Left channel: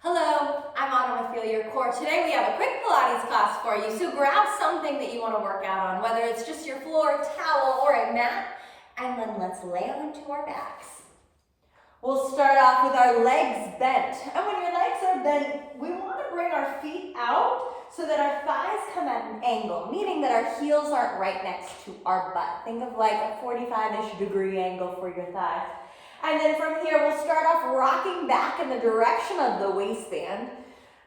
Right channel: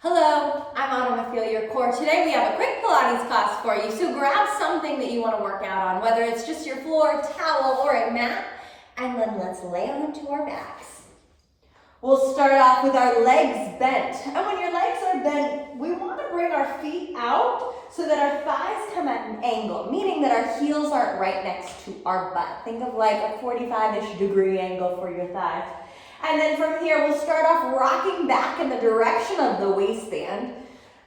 Hello, I'm Autumn with Feel Your Core. Today we have a quick Pilates class for you. So grab something that you want to work out on, whether it's just your floor, towel, or a mat, and then let's lay onto our backs. We'll start off with our legs bent. And when your legs are bent, we want to bring our feet out so that our thighs come at an angle, meaning that our heels aren't right next to our butt. Think of like a 45-ish degree angle for your thighs. And then from here, we'll start off rocking back in the direction of the waistband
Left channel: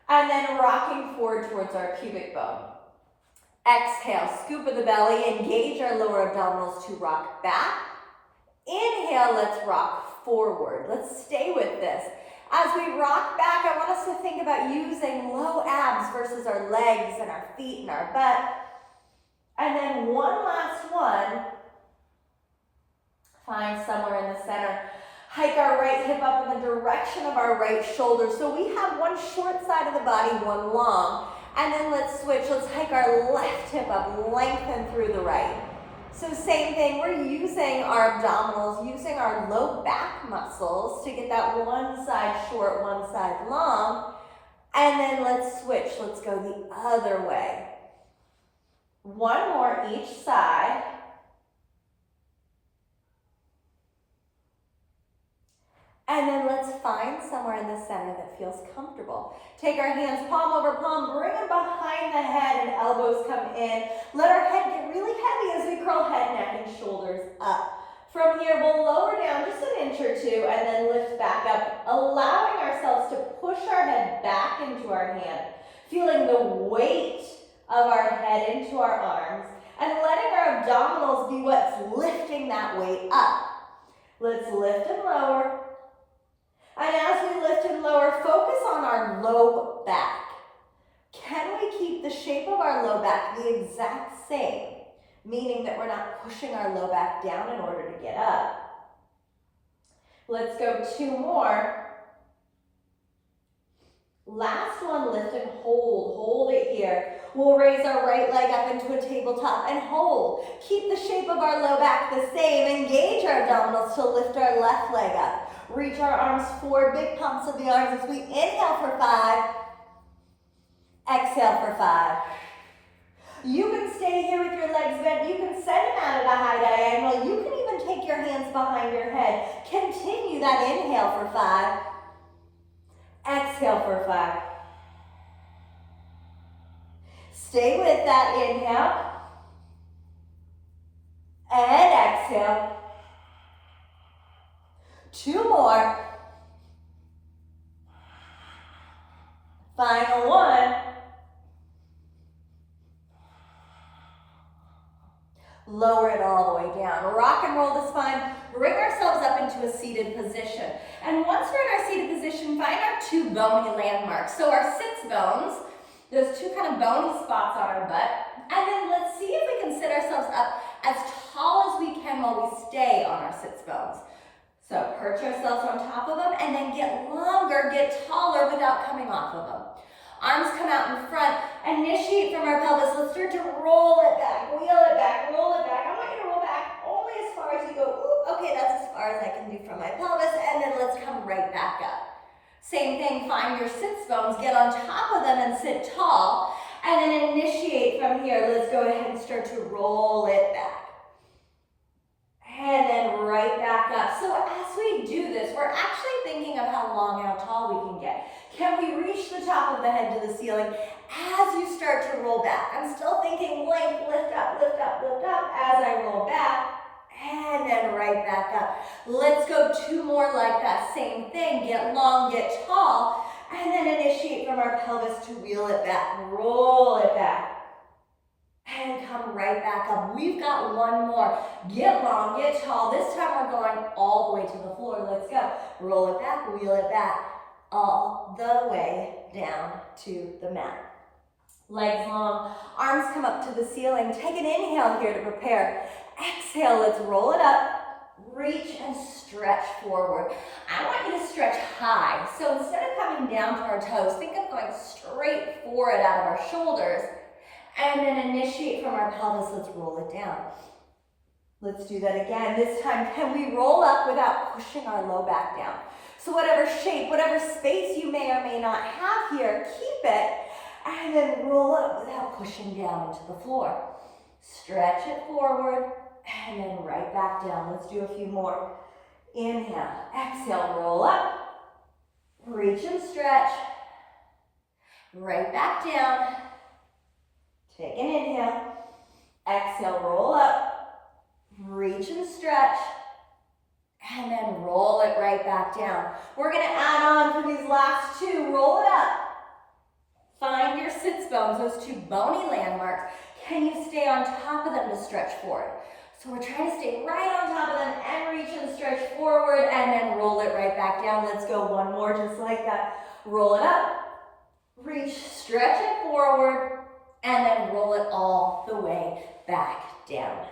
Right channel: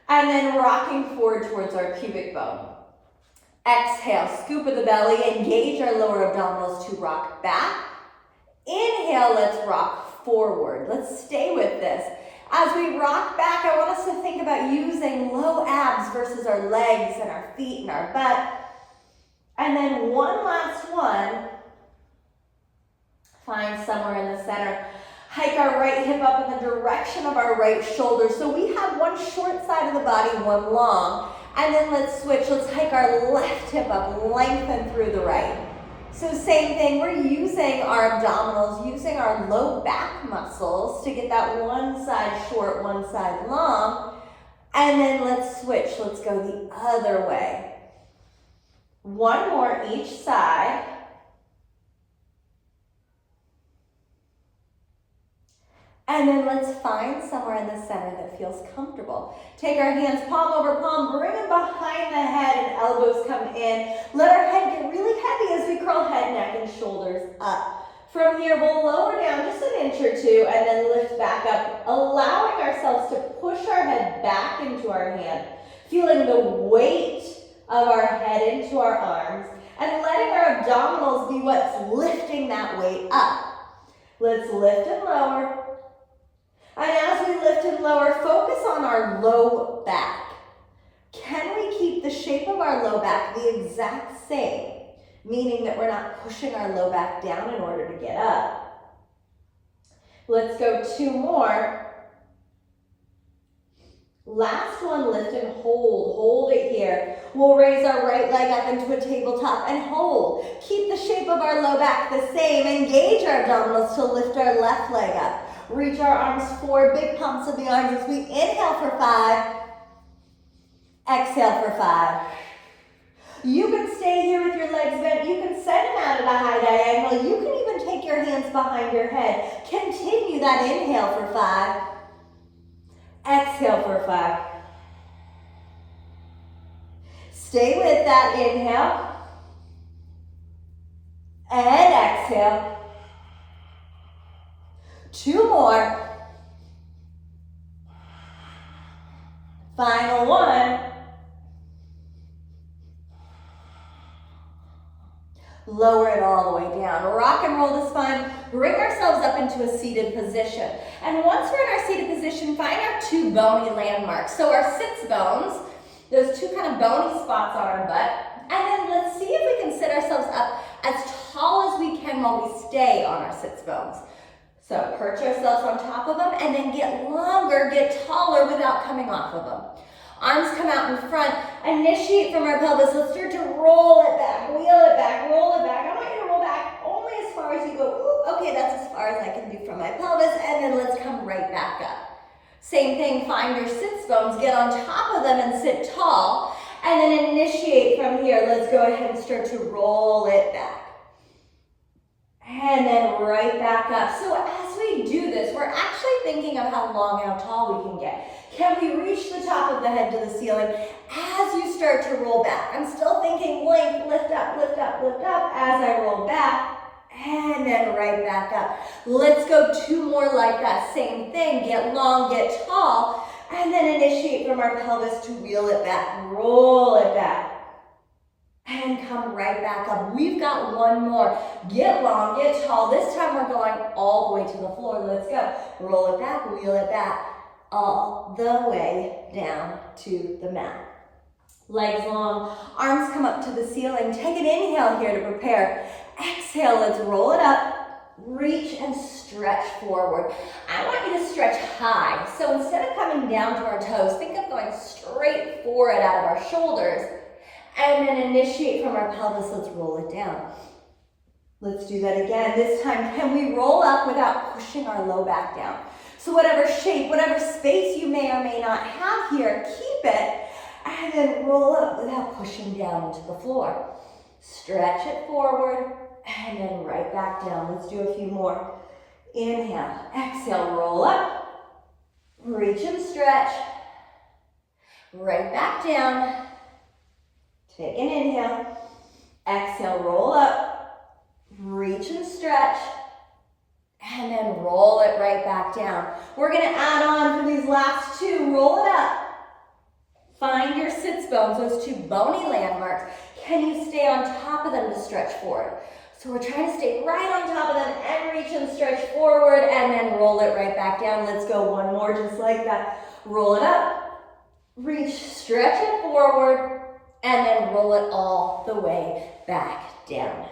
and then rocking forward towards our pubic bone. Exhale, scoop of the belly, engage our lower abdominals to rock back. Inhale, let's rock forward. Let's stay with this. As we rock back, I want us to think about using low abs versus our legs and our feet and our butt. And then one last one. Find somewhere in the center. Hike our right hip up in the direction of our right shoulder. So we have one short side of the body, one long. And then let's switch. Let's hike our left hip up, lengthen through the right. So same thing, we're using our abdominals, using our low back muscles to get that one side short, one side long. And then let's switch. Let's go the other way. One more each side. And then let's find somewhere in the center that feels comfortable. Take our hands palm over palm, bring them behind the head and elbows come in. Let our head get really heavy as we curl head, neck, and shoulders up. From here, we'll lower down just an inch or two and then lift back up, allowing ourselves to push our head back into our hand, feeling the weight of our head into our arms and letting our abdominals be what's lifting that weight up. Let's lift and lower. And as we lift and lower, focus on our low back. Can we keep the shape of our low back the exact same? Meaning that we're not pushing our low back down in order to get up. Let's go two more. Last one, lift and hold. Hold it here. We'll raise our right leg up into a tabletop and hold. Keep the shape of our low back the same. Engage our abdominals to lift our left leg up. Reach our arms forward, big pumps of the arms as we inhale for 5, exhale for 5. You can stay here with your legs bent. You can send them out at a high diagonal. You can even take your hands behind your head. Continue that inhale for 5, exhale for 5. Stay with that inhale and exhale. Two more. Final one. Lower it all the way down. Rock and roll the spine. Bring ourselves up into a seated position. And once we're in our seated position, find our two bony landmarks. So our sits bones, those two kind of bony spots on our butt. And then let's see if we can sit ourselves up as tall as we can while we stay on our sits bones. So perch ourselves on top of them and then get longer, get taller without coming off of them. Arms come out in front, initiate from our pelvis. Let's start to roll it back, wheel it back, roll it back. I want you to roll back only as far as you go. Ooh, okay, that's as far as I can do from my pelvis. And then let's come right back up. Same thing, find your sits bones, get on top of them and sit tall. And then initiate from here. Let's go ahead and start to roll it back. And then right back up. So as we do this, we're actually thinking of how long, how tall we can get. Can we reach the top of the head to the ceiling as you start to roll back? I'm still thinking length, lift up, lift up, lift up as I roll back. And then right back up. Let's go two more like that. Same thing, get long, get tall. And then initiate from our pelvis to wheel it back, roll it back. And come right back up. We've got one more. Get long, get tall. This time we're going all the way to the floor. Let's go. Roll it back, wheel it back, all the way down to the mat. Legs long, arms come up to the ceiling. Take an inhale here to prepare. Exhale, let's roll it up. Reach and stretch forward. I want you to stretch high. So instead of coming down to our toes, think of going straight forward out of our shoulders. And then initiate from our pelvis, let's roll it down. Let's do that again. This time, can we roll up without pushing our low back down? So whatever shape, whatever space you may or may not have here, keep it, and then roll up without pushing down into the floor. Stretch it forward, and then right back down. Let's do a few more. Inhale, exhale, roll up, reach and stretch, right back down. Take an inhale, exhale, roll up, reach and stretch, and then roll it right back down. We're gonna add on for these last two, roll it up. Find your sits bones, those two bony landmarks. Can you stay on top of them to stretch forward? So we're trying to stay right on top of them and reach and stretch forward and then roll it right back down. Let's go one more just like that. Roll it up, reach, stretch it forward, and then roll it all the way back down.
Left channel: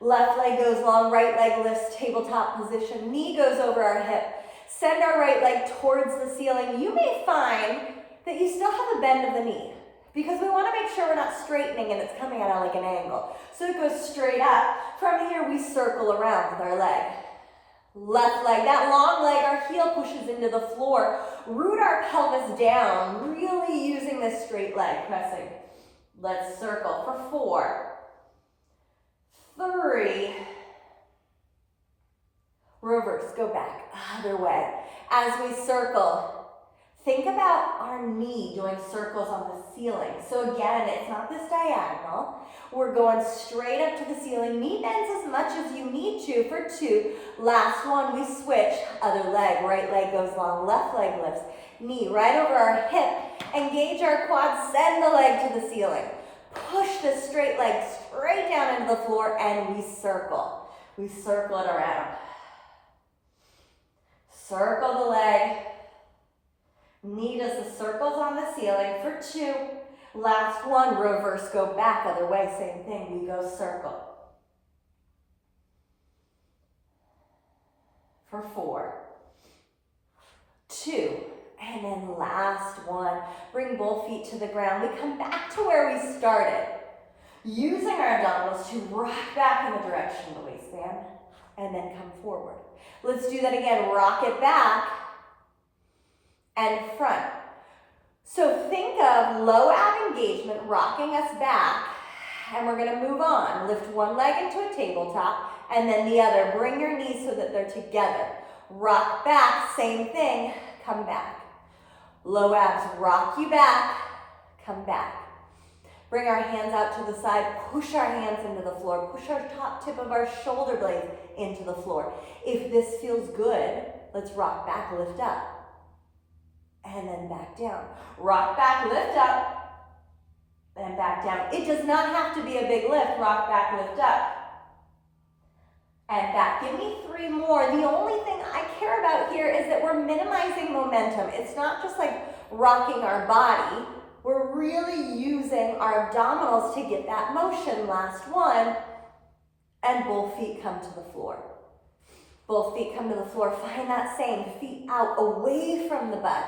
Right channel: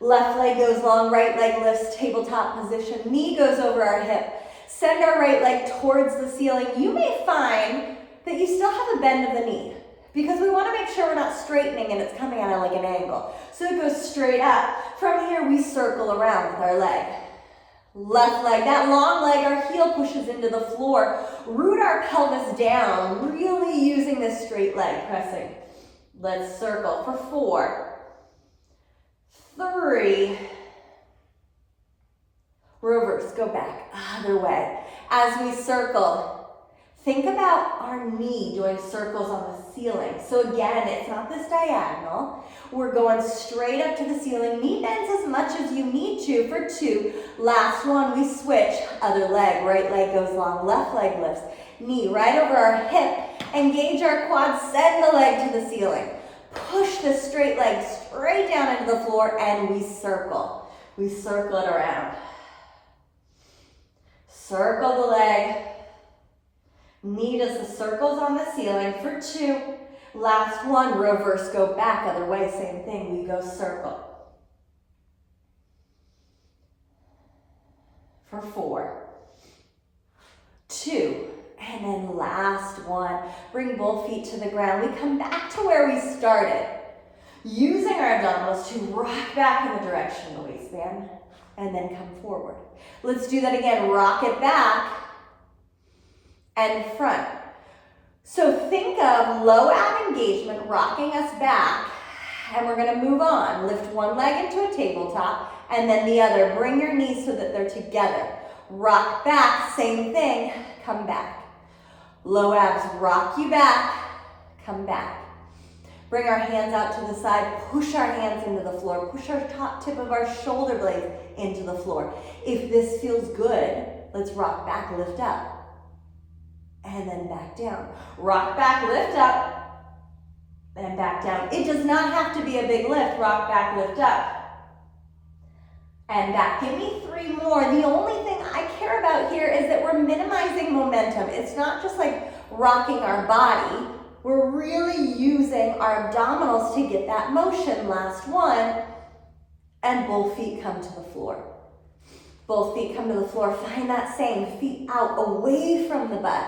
Left leg goes long, right leg lifts, tabletop position. Knee goes over our hip. Send our right leg towards the ceiling. You may find that you still have a bend of the knee, because we want to make sure we're not straightening and it's coming at like an angle. So it goes straight up. From here, we circle around with our leg. Left leg, that long leg, our heel pushes into the floor. Root our pelvis down, really using this straight leg, pressing. Let's circle for 4, 3, reverse, go back, other way. As we circle, think about our knee doing circles on the ceiling. So again, it's not this diagonal. We're going straight up to the ceiling. Knee bends as much as you need to for 2. Last one, we switch. Other leg, right leg goes long, left leg lifts. Knee right over our hip. Engage our quads, send the leg to the ceiling. Push the straight leg straight down into the floor and we circle. We circle it around. Circle the leg. Knee does the circles on the ceiling for 2. Last one, reverse, go back, other way, same thing, we go circle. For 4, 2, and then last one, bring both feet to the ground. We come back to where we started, using our abdominals to rock back in the direction of the waistband, and then come forward. Let's do that again, rock it back, and front. So think of low ab engagement rocking us back, and we're gonna move on. Lift one leg into a tabletop, and then the other. Bring your knees so that they're together. Rock back, same thing, come back. Low abs, rock you back, come back. Bring our hands out to the side, push our hands into the floor, push our top tip of our shoulder blades into the floor. If this feels good, let's rock back, lift up. And then back down. Rock back, lift up, and back down. It does not have to be a big lift. Rock back, lift up, and back. Give me 3 more. The only thing I care about here is that we're minimizing momentum. It's not just like rocking our body. We're really using our abdominals to get that motion. Last one, and both feet come to the floor. Both feet come to the floor. Find that same, feet out, away from the butt.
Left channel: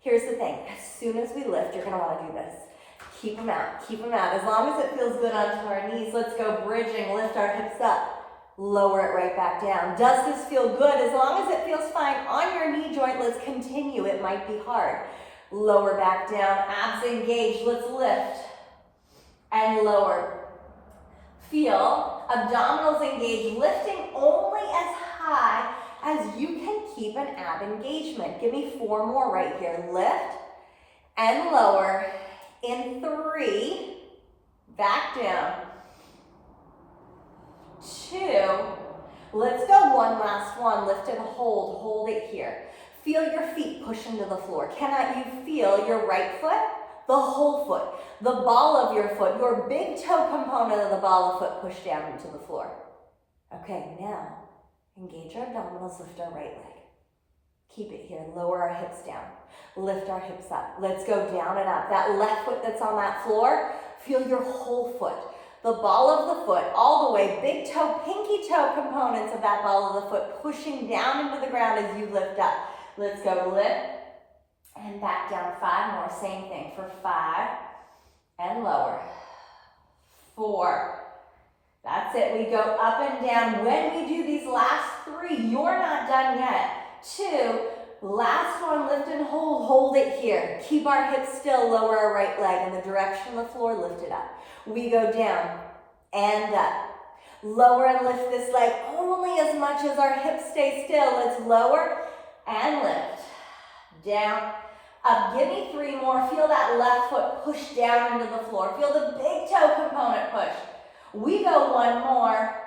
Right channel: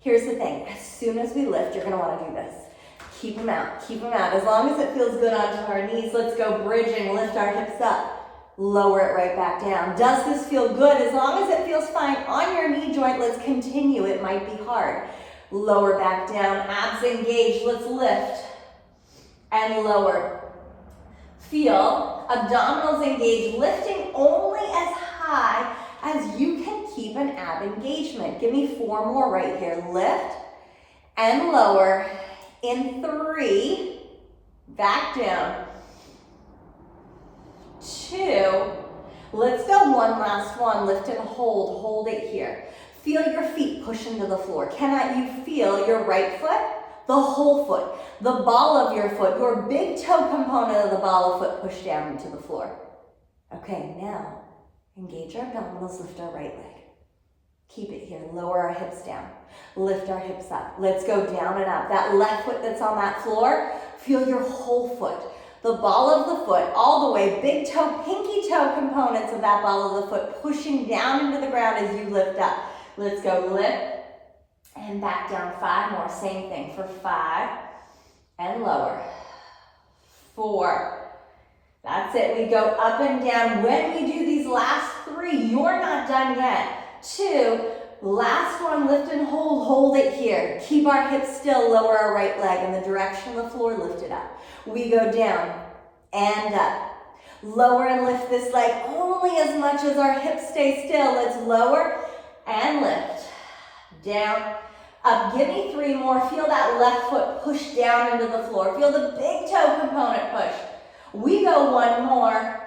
Here's the thing, as soon as we lift, you're gonna wanna do this. Keep them out, keep them out. As long as it feels good onto our knees, let's go bridging, lift our hips up, lower it right back down. Does this feel good? As long as it feels fine on your knee joint, let's continue. It might be hard. Lower back down, abs engaged, let's lift and lower. Feel abdominals engaged, lifting only as high as you can keep an ab engagement. Give me 4 more right here. Lift and lower in 3, back down, 2, let's go one last one. Lift and hold it here. Feel your feet push into the floor. Cannot you feel your right foot, the whole foot, the ball of your foot, your big toe component of the ball of foot push down into the floor? Okay, now engage our abdominals, lift our right leg. Keep it here, lower our hips down. Lift our hips up. Let's go down and up. That left foot that's on that floor, feel your whole foot. The ball of the foot, all the way, big toe, pinky toe components of that ball of the foot pushing down into the ground as you lift up. Let's go lift and back down. 5 more, same thing for 5 and lower. 4. That's it, we go up and down. When we do these last 3, you're not done yet. 2. Last one, lift and hold. Hold it here. Keep our hips still. Lower our right leg in the direction of the floor. Lift it up. We go down and up. Lower and lift this leg only as much as our hips stay still. Let's lower and lift. Down, up. Give me 3 more. Feel that left foot push down into the floor. Feel the big toe component push. We go 1 more.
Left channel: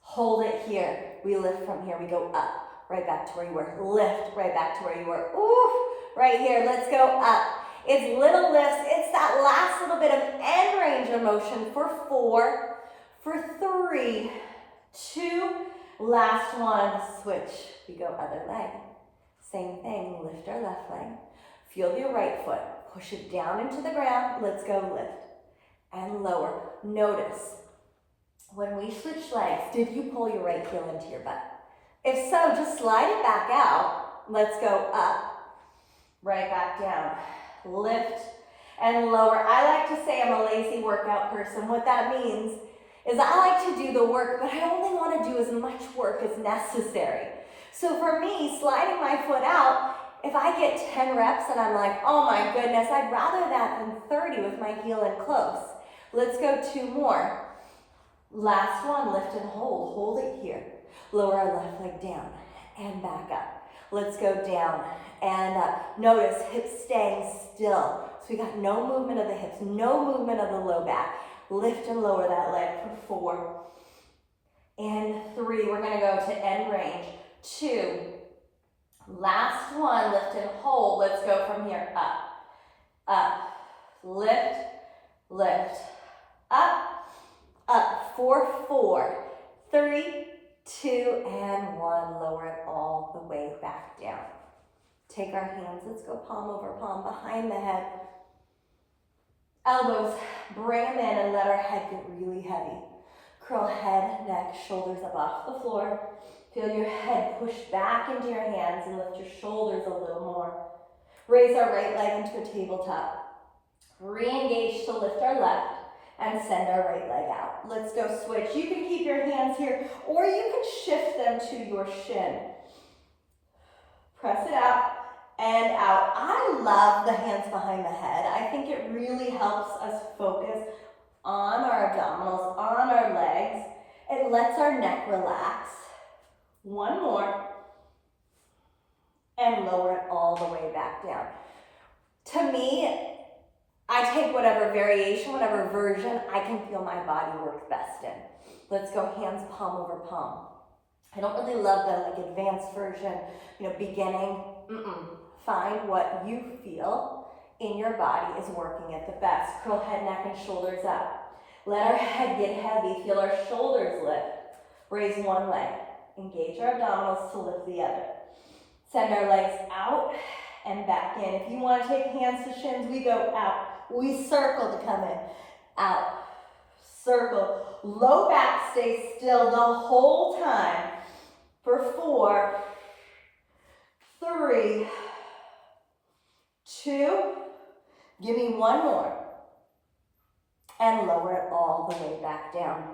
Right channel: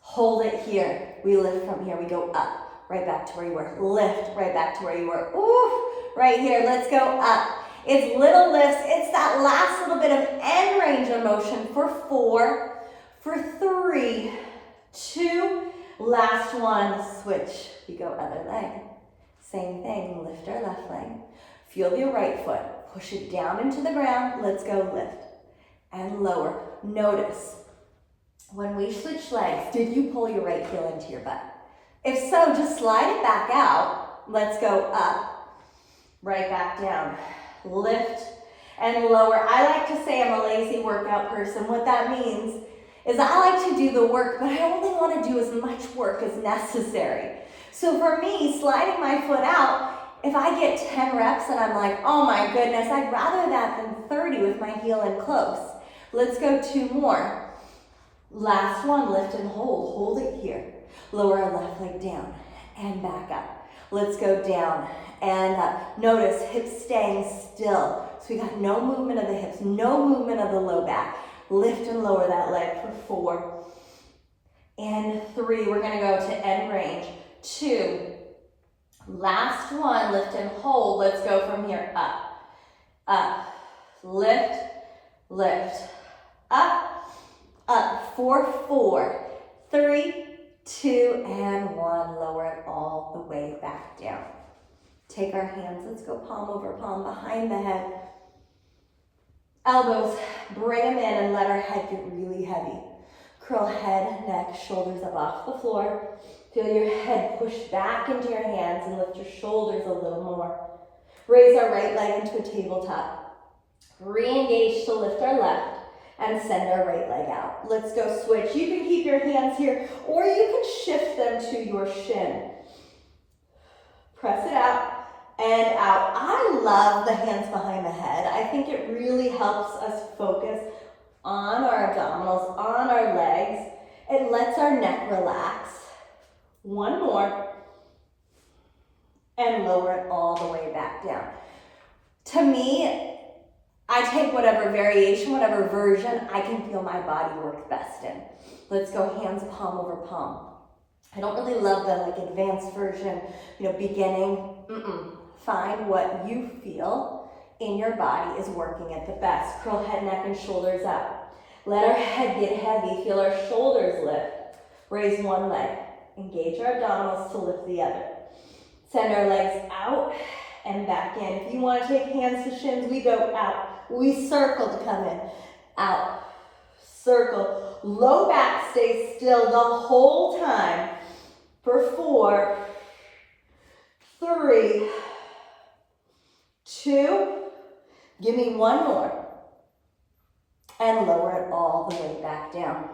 Hold it here. We lift from here. We go up. Right back to where you were. Lift, right back to where you were. Ooh, right here. Let's go up. It's little lifts. It's that last little bit of end range of motion for 4, for 3, 2, last one. Switch. We go other leg. Same thing. Lift our left leg. Feel your right foot. Push it down into the ground. Let's go lift and lower. Notice, when we switch legs, did you pull your right heel into your butt? If so, just slide it back out. Let's go up, right back down. Lift and lower. I like to say I'm a lazy workout person. What that means is I like to do the work, but I only want to do as much work as necessary. So for me, sliding my foot out, if I get 10 reps and I'm like, oh my goodness, I'd rather that than 30 with my heel in close. Let's go 2 more. Last one, lift and hold. Hold it here. Lower our left leg down and back up. Let's go down and up. Notice hips staying still. So we got no movement of the hips, no movement of the low back. Lift and lower that leg for 4 and 3. We're gonna go to end range. 2. Last one, lift and hold. Let's go from here, up, up, lift, lift, up, up, for 4, 3, 2, and 1. Lower it all the way back down. Take our hands, let's go palm over palm behind the head. Elbows, bring them in and let our head get really heavy. Curl head, neck, shoulders up off the floor. Feel your head push back into your hands and lift your shoulders a little more. Raise our right leg into a tabletop. Re-engage to lift our left and send our right leg out. Let's go switch. You can keep your hands here or you can shift them to your shin. Press it out and out. I love the hands behind the head. I think it really helps us focus on our abdominals, on our legs. It lets our neck relax. 1 more. And lower it all the way back down. To me, I take whatever variation, whatever version I can feel my body work best in. Let's go hands palm over palm. I don't really love the advanced version, beginning. Find what you feel in your body is working at the best. Curl head, neck, and shoulders up. Let our head get heavy. Feel our shoulders lift. Raise one leg. Engage our abdominals to lift the other. Send our legs out and back in. If you want to take hands to shins, we go out. We circle to come in. Out. Circle. Low back stays still the whole time for 4, 3, 2. Give me 1 more. And lower it all the way back down.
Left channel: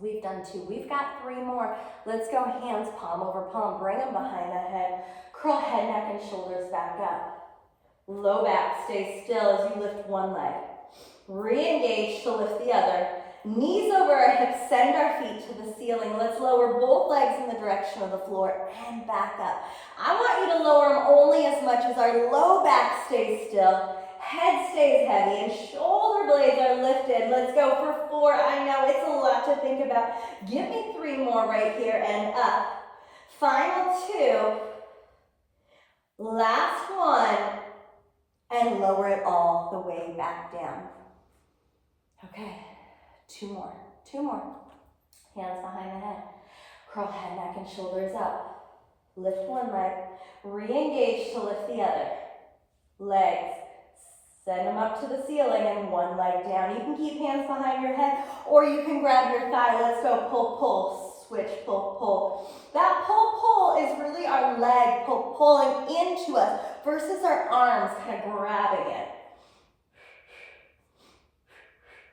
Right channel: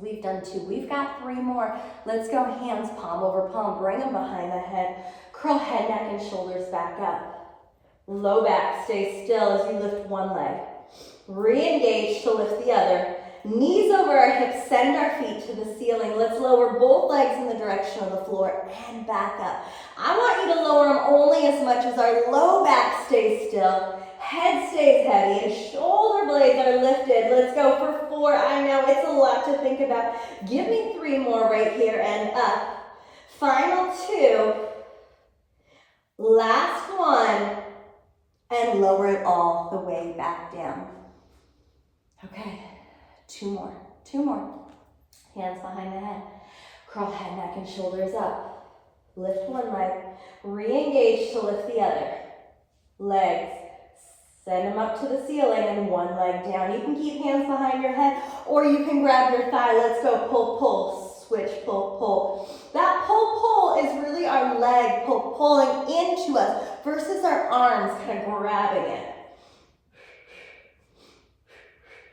We've done 2. We've got 3 more. Let's go hands palm over palm. Bring them behind the head. Curl head, neck, and shoulders back up. Low back, stay still as you lift one leg. Re-engage to lift the other. Knees over our hips, send our feet to the ceiling. Let's lower both legs in the direction of the floor and back up. I want you to lower them only as much as our low back stays still. Head stays heavy and shoulder blades are lifted. Let's go for 4. I know it's a lot to think about. Give me 3 more right here and up. Final 2. Last one. And lower it all the way back down. Okay, 2 more. 2 more. Hands behind the head. Curl head, neck, and shoulders up. Lift one leg. Re-engage to lift the other. Legs. Send them up to the ceiling and one leg down. You can keep hands behind your head or you can grab your thigh. Let's go pull, pull, switch, pull, pull. That pull, pull is really our leg pulling into us versus our arms kind of grabbing it.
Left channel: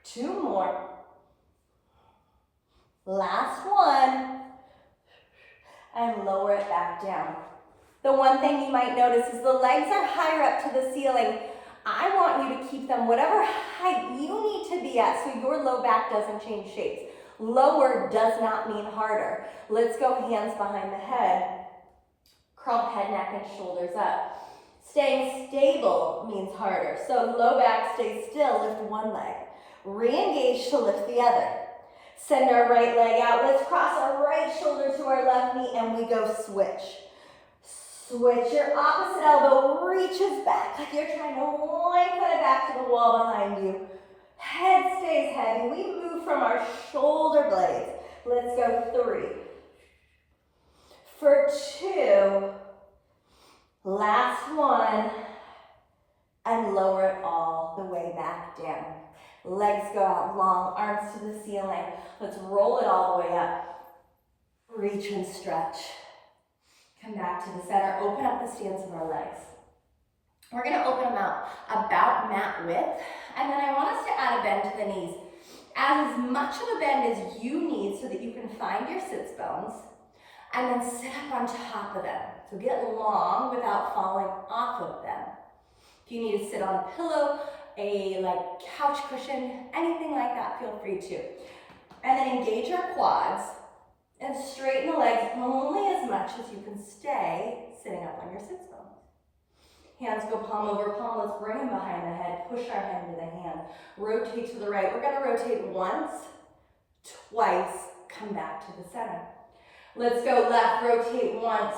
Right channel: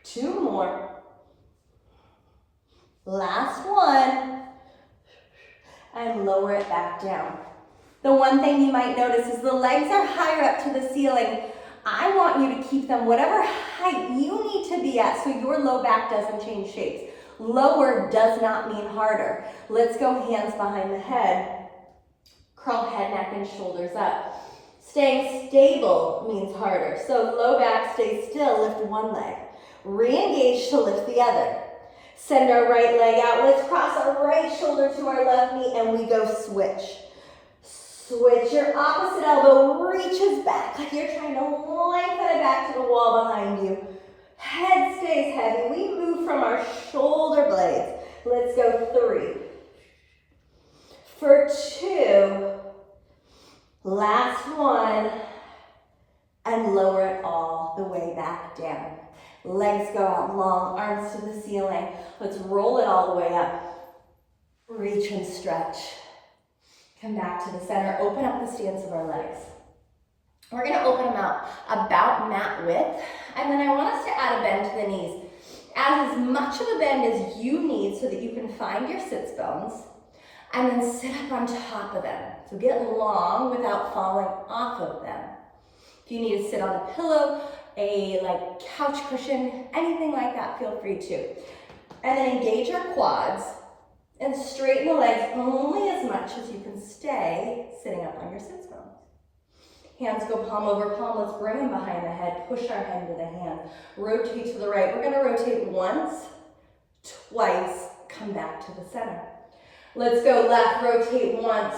2 more. Last one. And lower it back down. The one thing you might notice is the legs are higher up to the ceiling. I want you to keep them whatever height you need to be at so your low back doesn't change shapes. Lower does not mean harder. Let's go hands behind the head. Curl head, neck, and shoulders up. Staying stable means harder. So low back, stay still, lift one leg. Re-engage to lift the other. Send our right leg out. Let's cross our right shoulder to our left knee and we go switch. Switch, your opposite elbow reaches back like you're trying to lengthen it back to the wall behind you. Head stays heavy. We move from our shoulder blades. Let's go 3. For 2. Last one. And lower it all the way back down. Legs go out long, arms to the ceiling. Let's roll it all the way up. Reach and stretch. Come back to the center. Open up the stance of our legs. We're going to open them out about mat width. And then I want us to add a bend to the knees. Add as much of a bend as you need so that you can find your sits bones. And then sit up on top of them. So get long without falling off of them. If you need to sit on a pillow, a couch cushion, anything like that, feel free to. And then engage your quads and straighten the legs only as much as you can stay sitting up on your sits bones. Hands go palm over palm. Let's bring them behind the head. Push our head into the hand. Rotate to the right. We're going to rotate once, twice, come back to the center. Let's go left. Rotate once,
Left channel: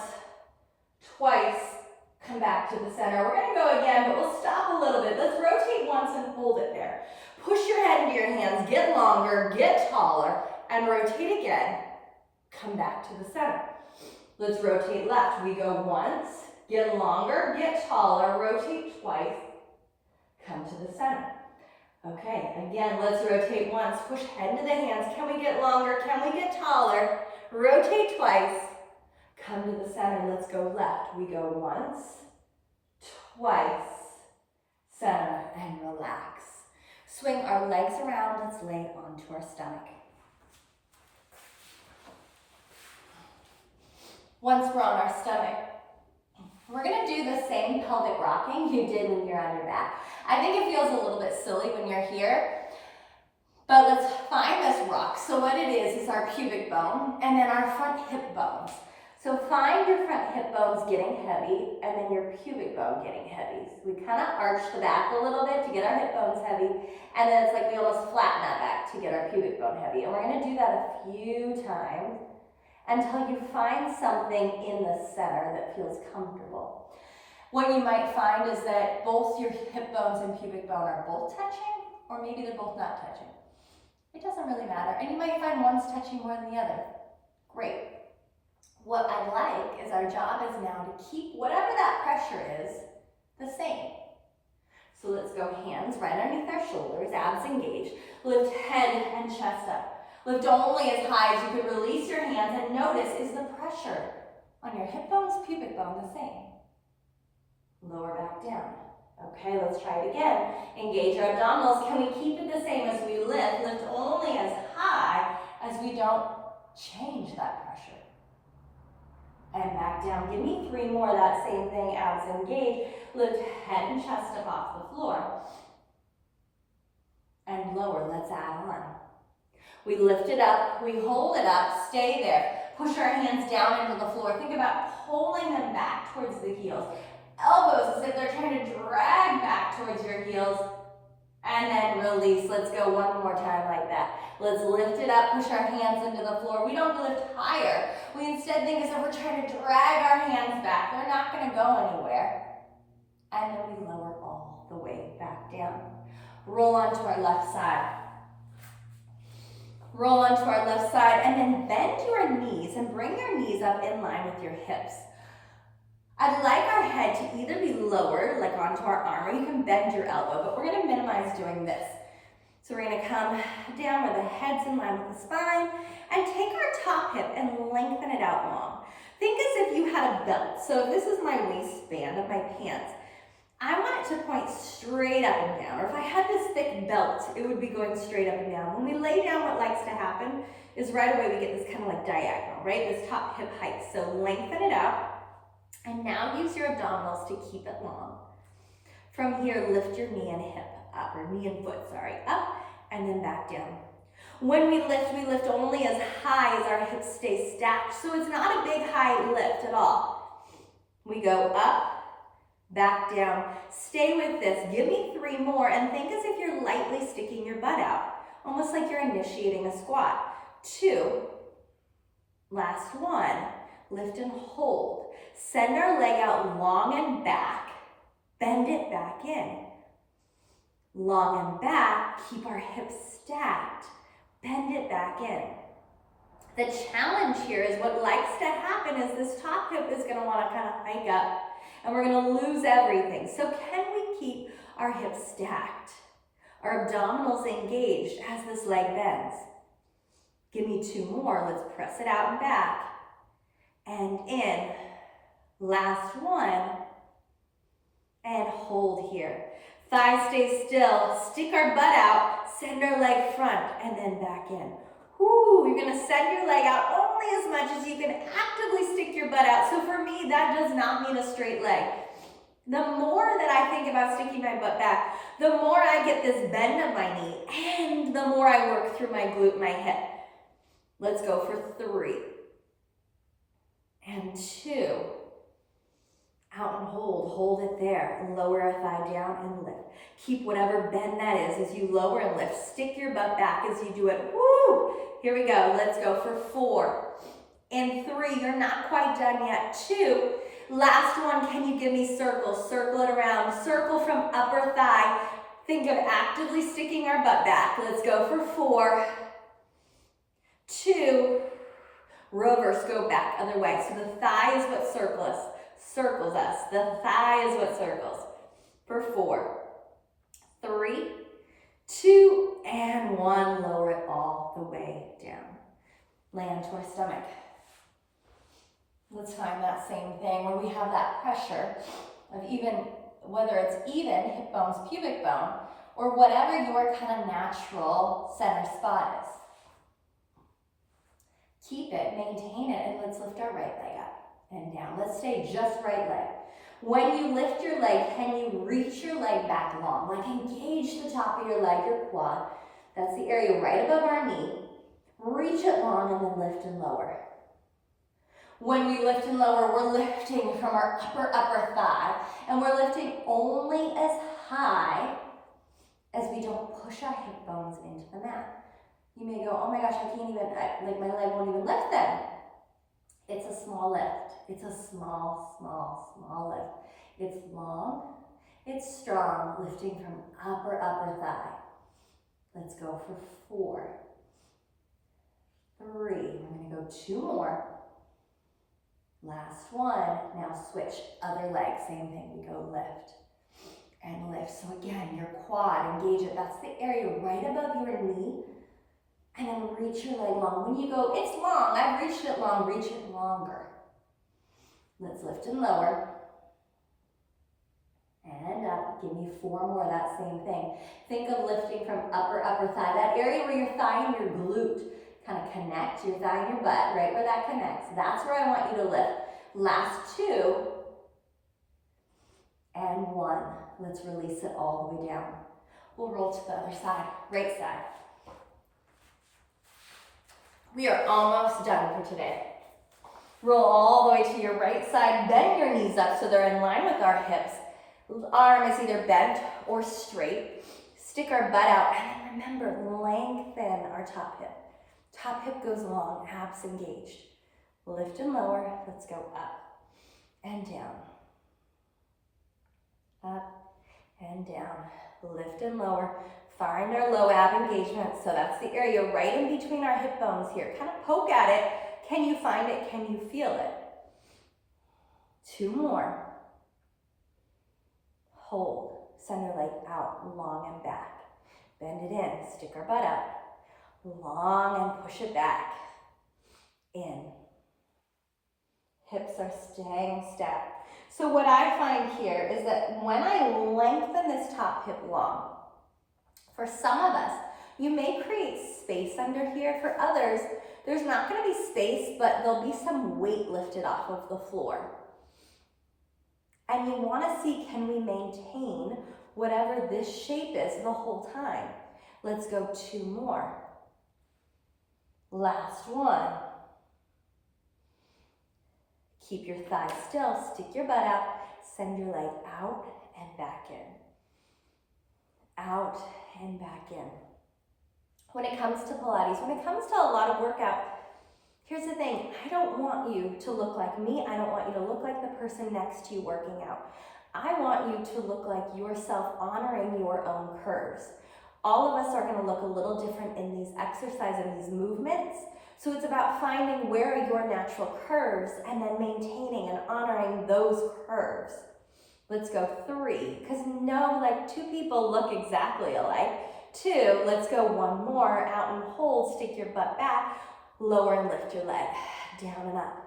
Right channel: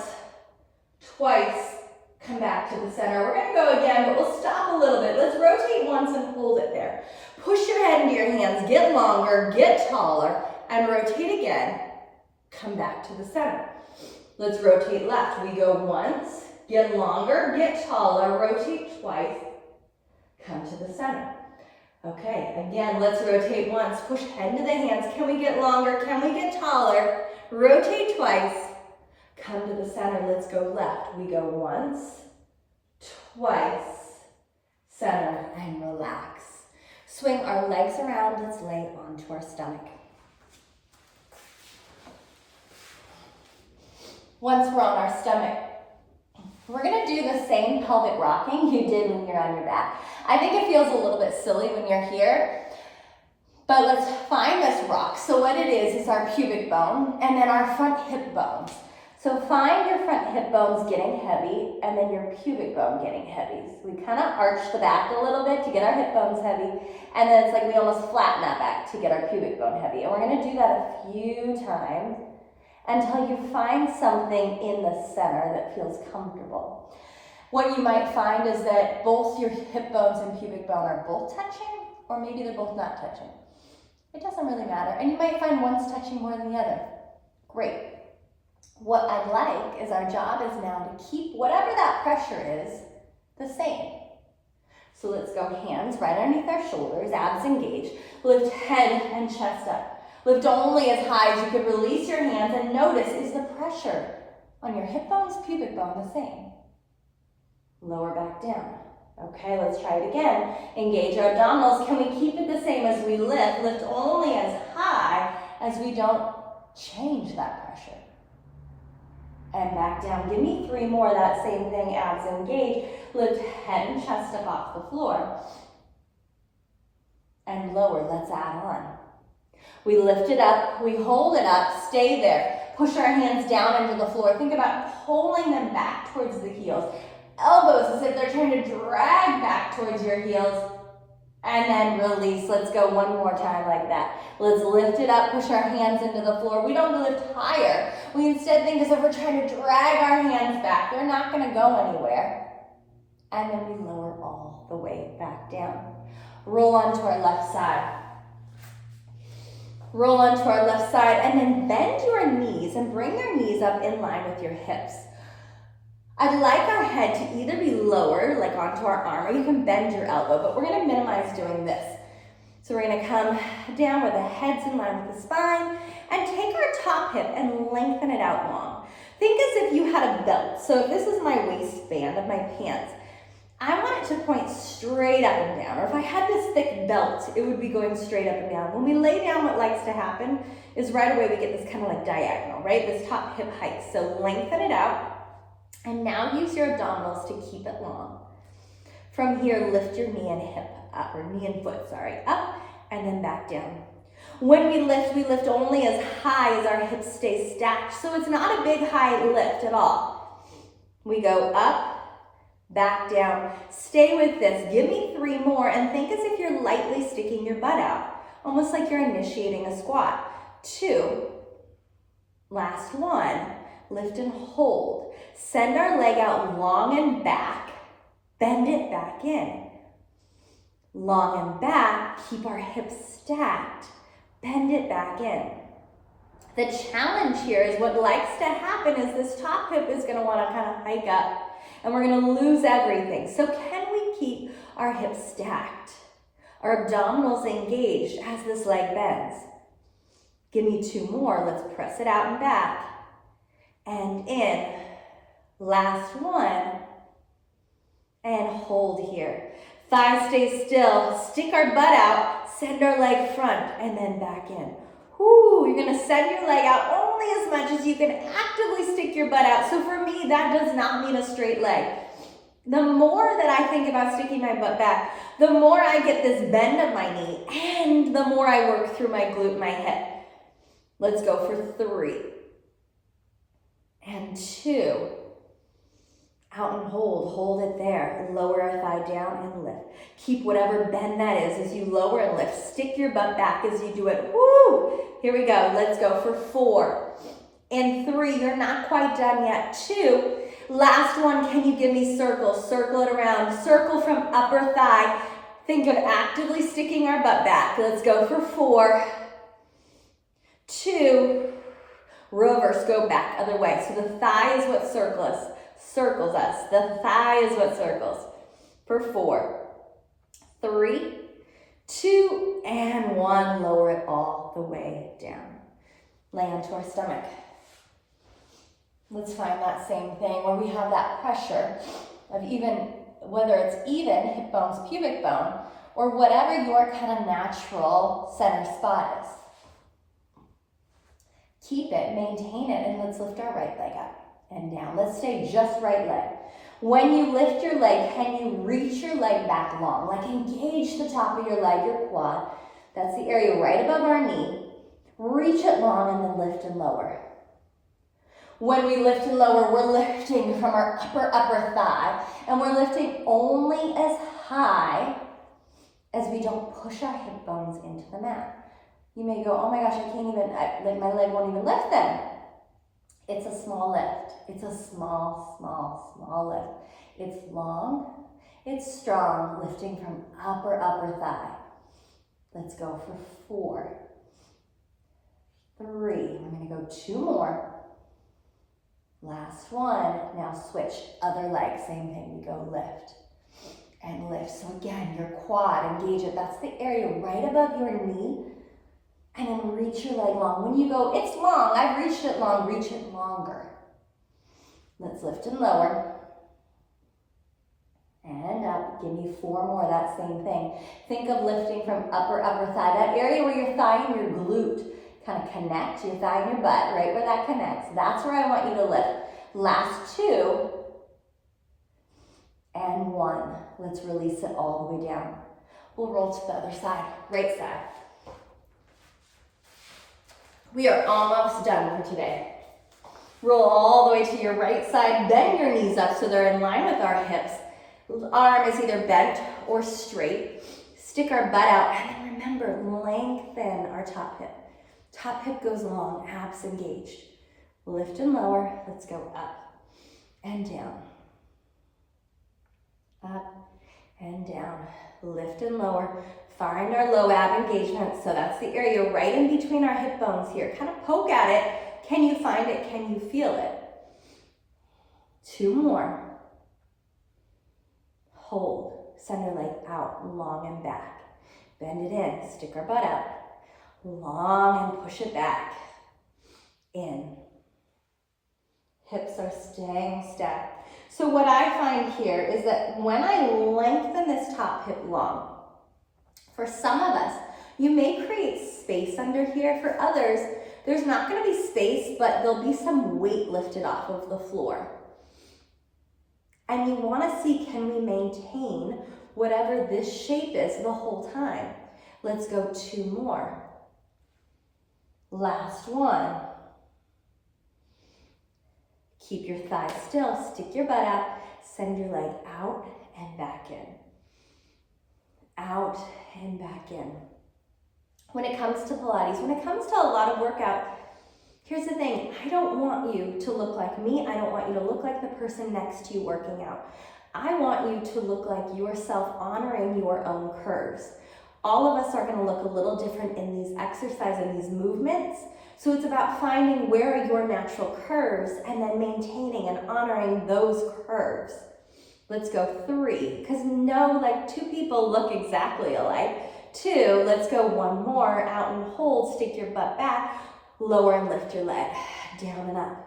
twice, come back to the center. We're going to go again, but we'll stop a little bit. Let's rotate once and hold it there. Push your head into your hands. Get longer, get taller, and rotate again. Come back to the center. Let's rotate left. We go once, get longer, get taller, rotate twice, come to the center. Okay, again, let's rotate once. Push head into the hands. Can we get longer? Can we get taller? Rotate twice, come to the center. Let's go left. We go once, twice, center, and relax. Swing our legs around. Let's lay onto our stomach. Once we're on our stomach, we're going to do the same pelvic rocking you did when you're on your back. I think it feels a little bit silly when you're here, but let's find this rock. So what it is our pubic bone and then our front hip bones. So find your front hip bones getting heavy and then your pubic bone getting heavy. So we kind of arch the back a little bit to get our hip bones heavy, and then it's like we almost flatten that back to get our pubic bone heavy. And we're going to do that a few times until you find something in the center that feels comfortable. What you might find is that both your hip bones and pubic bone are both touching, or maybe they're both not touching. It doesn't really matter. And you might find one's touching more than the other. Great. What I'd like is our job is now to keep whatever that pressure is the same. So let's go hands right underneath our shoulders, abs engaged. Lift head and chest up. Lift only as high as you could. Release your hands and notice, is the pressure on your hip bones, pubic bone the same? Lower back down. Okay, let's try it again. Engage our abdominals. Can we keep it the same as we lift? Lift only as high as we don't change that pressure. And back down. Give me 3 more. That same thing, abs engaged. Lift head and chest up off the floor. And lower. Let's add on. We lift it up. We hold it up. Stay there. Push our hands down into the floor. Think about pulling them back towards the heels. Elbows as if they're trying to drag back towards your heels. And then release. Let's go one more time like that. Let's lift it up. Push our hands into the floor. We don't lift higher. We instead think as if we're trying to drag our hands back. They're not going to go anywhere. And then we lower all the way back down. Roll onto our left side. Roll onto our left side and then bend your knees and bring your knees up in line with your hips. I'd like our head to either be lower, like onto our arm, or you can bend your elbow, but we're going to minimize doing this. So we're going to come down where the head's in line with the spine and take our top hip and lengthen it out long. Think as if you had a belt. So if this is my waistband of my pants, I want it to point straight up and down. Or if I had this thick belt, it would be going straight up and down. When we lay down, what likes to happen is right away we get this kind of like diagonal, right? This top hip hike. So lengthen it out And now use your abdominals to keep it long. From here, lift your knee and hip up, or knee and foot, sorry, up, and then back down. When we lift only as high as our hips stay stacked, so it's not a big high lift at all. We go up, back down. Stay with this. Give me 3 more, and think as if you're lightly sticking your butt out, almost like you're initiating a squat. 2, last 1, lift and hold. Send our leg out long and back, bend it back in. Long and back, keep our hips stacked, bend it back in. The challenge here is what likes to happen is this top hip is gonna wanna kind of hike up and we're gonna lose everything. So can we keep our hips stacked? Our abdominals engaged as this leg bends. Give me 2 more, let's press it out and back. And in, last 1, and hold here. Thighs stay still, stick our butt out, send our leg front, and then back in. Whoo, you're gonna send your leg out only as much as you can actively stick your butt out. So for me, that does not mean a straight leg. The more that I think about sticking my butt back, the more I get this bend of my knee, and the more I work through my glute and my hip. Let's go for 3. And 2. Out and hold it there. Lower our thigh down and lift. Keep whatever bend that is as you lower and lift. Stick your butt back as you do it. Woo! Here we go. Let's go for 4. And 3, you're not quite done yet. 2, last 1, can you give me circles? Circle it around. Circle from upper thigh. Think of actively sticking our butt back. Let's go for 4, 2, reverse, go back, other way. So the thigh is what circles us. The thigh is what circles. For 4, 3, 2, and 1. Lower it all the way down. Lay onto our stomach. Let's find that same thing where we have that pressure of even, whether it's even hip bones, pubic bone, or whatever your kind of natural center spot is. Keep it, maintain it, and let's lift our right leg up and down. Let's stay just right leg. When you lift your leg, can you reach your leg back long? Like engage the top of your leg, your quad. That's the area right above our knee. Reach it long and then lift and lower. When we lift and lower, we're lifting from our upper thigh, and we're lifting only as high as we don't push our hip bones into the mat. You may go, oh my gosh, I can't even, like my leg won't even lift then. It's a small lift. It's a small lift. It's long, it's strong, lifting from upper thigh. Let's go for 4, 3, we're gonna go 2 more. Last 1, now switch, other leg, same thing, we go lift and lift. So again, your quad, engage it. That's the area right above your knee. And then reach your leg long. When you go, it's long, I've reached it long, reach it longer. Let's lift and lower. And up, give me 4 more, that same thing. Think of lifting from upper thigh, that area where your thigh and your glute kind of connect, your thigh and your butt, right where that connects. That's where I want you to lift. Last 2, and 1. Let's release it all the way down. We'll roll to the other side, right side. We are almost done for today. Roll all the way to your right side. Bend your knees up so they're in line with our hips. Arm is either bent or straight. Stick our butt out. And then remember, lengthen our top hip. Top hip goes long, abs engaged. Lift and lower. Let's go up and down. Up and down. Lift and lower. Find our low ab engagement. So that's the area right in between our hip bones here. Kind of poke at it. Can you find it? Can you feel it? 2 more. Hold. Send our leg out, long and back. Bend it in. Stick our butt out. Long and push it back. In. Hips are staying stacked. So what I find here is that when I lengthen this top hip long, for some of us, you may create space under here. For others, there's not going to be space, but there'll be some weight lifted off of the floor. And you want to see, can we maintain whatever this shape is the whole time? Let's go 2 more. Last one. Keep your thighs still, stick your butt out, send your leg out and back in. Out and back in. When it comes to Pilates, when it comes to a lot of workout, here's the thing, I don't want you to look like me. I don't want you to look like the person next to you working out. I want you to look like yourself, honoring your own curves. All of us are going to look a little different in these exercises and these movements. So it's about finding where are your natural curves and then maintaining and honoring those curves. Let's go 3, because no, like 2 people look exactly alike. 2, let's go 1 more, out and hold, stick your butt back, lower and lift your leg, down and up,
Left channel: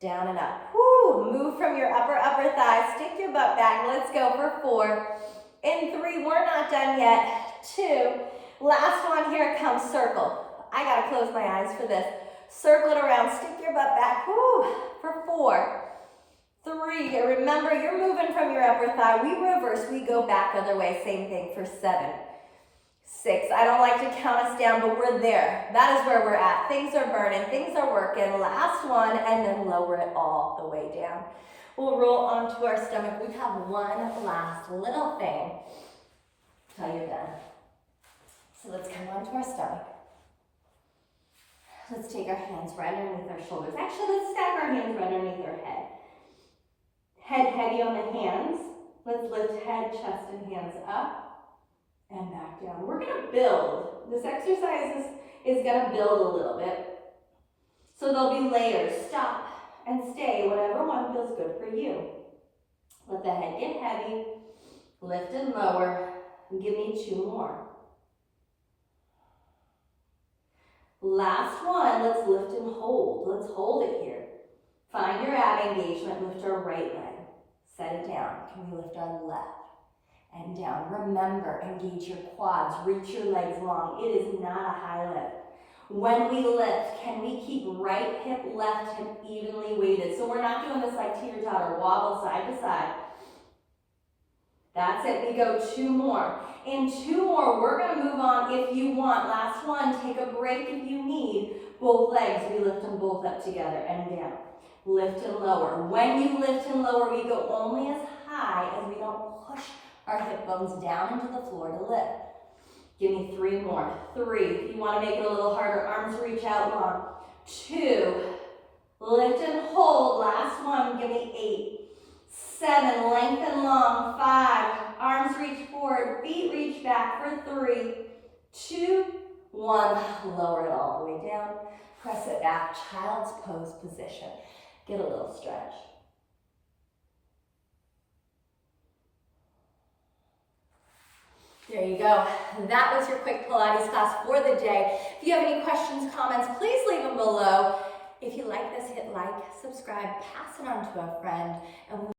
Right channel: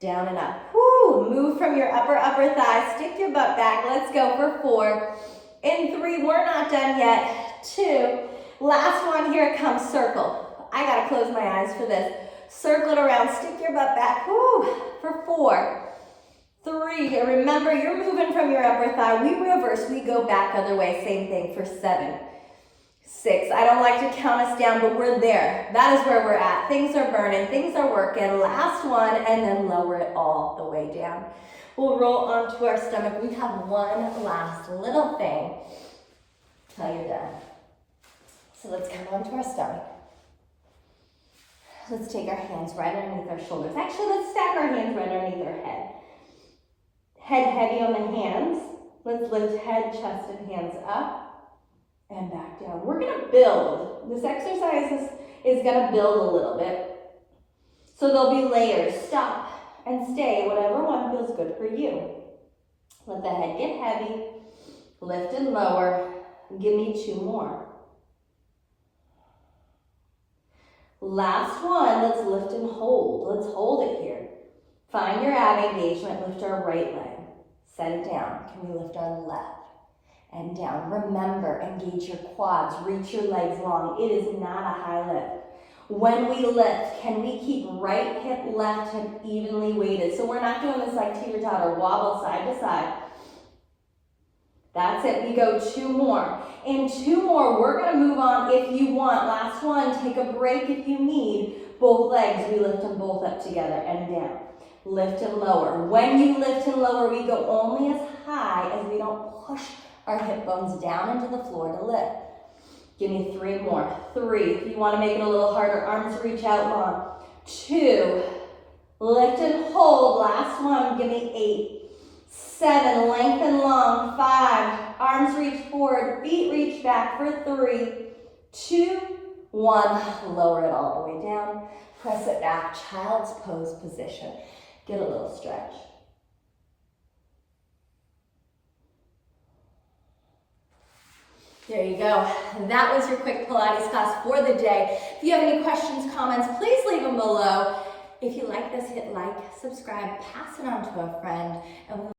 down and up. Woo, move from your upper thigh, stick your butt back, let's go for 4. In 3, we're not done yet. 2, last one, here it comes, circle. I gotta close my eyes for this. Circle it around, stick your butt back, woo, for 4. 3, remember you're moving from your upper thigh. We reverse, we go back other way, same thing for 7. 6, I don't like to count us down, but we're there. That is where we're at. Things are burning, things are working. Last one, and then lower it all the way down. We'll roll onto our stomach. We have one last little thing till you're done. So let's come onto our stomach. Let's take our hands right underneath our shoulders. Actually, let's stack our hands right underneath our head. Head heavy on the hands. Let's lift head, chest, and hands up and back down. We're gonna build. This exercise is gonna build a little bit. So there'll be layers. Stop and stay, whatever one feels good for you. Let the head get heavy, lift and lower. Give me 2 more. Last one, let's lift and hold. Let's hold it here. Find your ab engagement, lift our right leg. Set it down. Can we lift our left and down? Remember, engage your quads, reach your legs long. It is not a high lift. When we lift, can we keep right hip, left hip evenly weighted? So we're not doing this like teeter-totter, wobble side to side. That's it, we go 2 more. In 2 more, we're gonna move on if you want. Last one, take a break if you need. Both legs, we lift them both up together and down. Lift and lower. When you lift and lower, we go only as high as we don't push our hip bones down into the floor to lift. Give me 3 more. 3, if you wanna make it a little harder, arms reach out long. 2, lift and hold. Last one, give me 8. 7, lengthen long. 5, arms reach forward, feet reach back for 3, 2, 1. Lower it all the way down. Press it back, child's pose position. Get a little stretch. There you go. That was your quick Pilates class for the day. If you have any questions, comments, please leave them below. If you like this, hit like, subscribe, pass it on to a friend, and we'll